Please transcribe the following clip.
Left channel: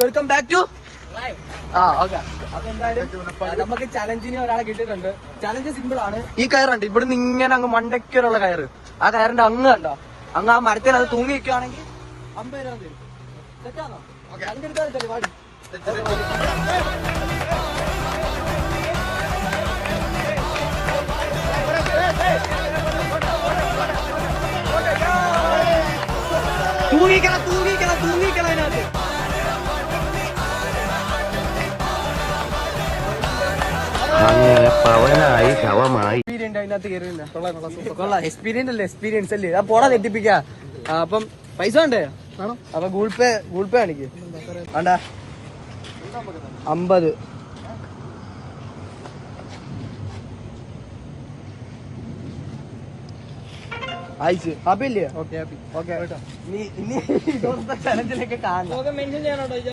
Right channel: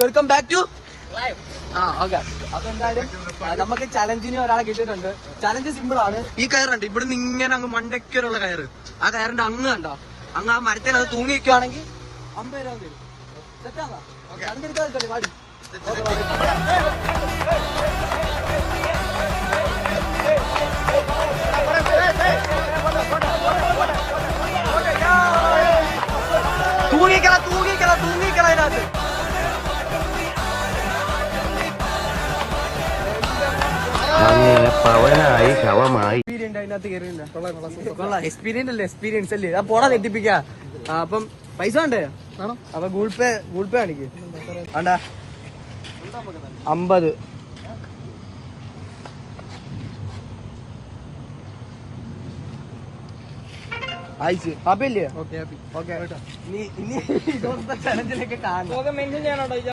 Welcome back to okay. അതെന്തായാലും നമുക്ക് ചലഞ്ചിന് ഒരാളെ കിട്ടിയിട്ടുണ്ട്. ചലഞ്ച് സിമ്പിൾ ആണ്. ഈ കയറുണ്ട് ഇവിടുന്ന് ഇങ്ങനെ അങ്ങ് മണ്ടയ്ക്കുള്ള കയറ്. ആ കയറിന്റെ അങ്ങ് കണ്ടോ, അങ്ങ് ആ മരത്തിൽ അത് തൂങ്ങി നിൽക്കുവാണെങ്കിൽ 50 രൂപ തരും. സെറ്റാണോ? അതിന്റെ വാടി തൂങ്ങിക്കള അതിനകത്ത്. അങ്ങനെ പവനായി ശവമായി. അതിനകത്ത് കയറിയില്ല. കൊള്ളാം. എക്സ്പീരിയൻസ് അല്ലേ. ആ പോടാ തെറ്റിപ്പിക്കാ. അപ്പം പൈസ ഉണ്ടേ ആണോ? അപ്പൊ ഗൂഗിൾ പേ കാണിക്ക്. വേണ്ട 50. അയച്ച് ഹാപ്പി അല്ലേ? ഓക്കെ. ഇനി ചലഞ്ചിലൊക്കെ കാണാം.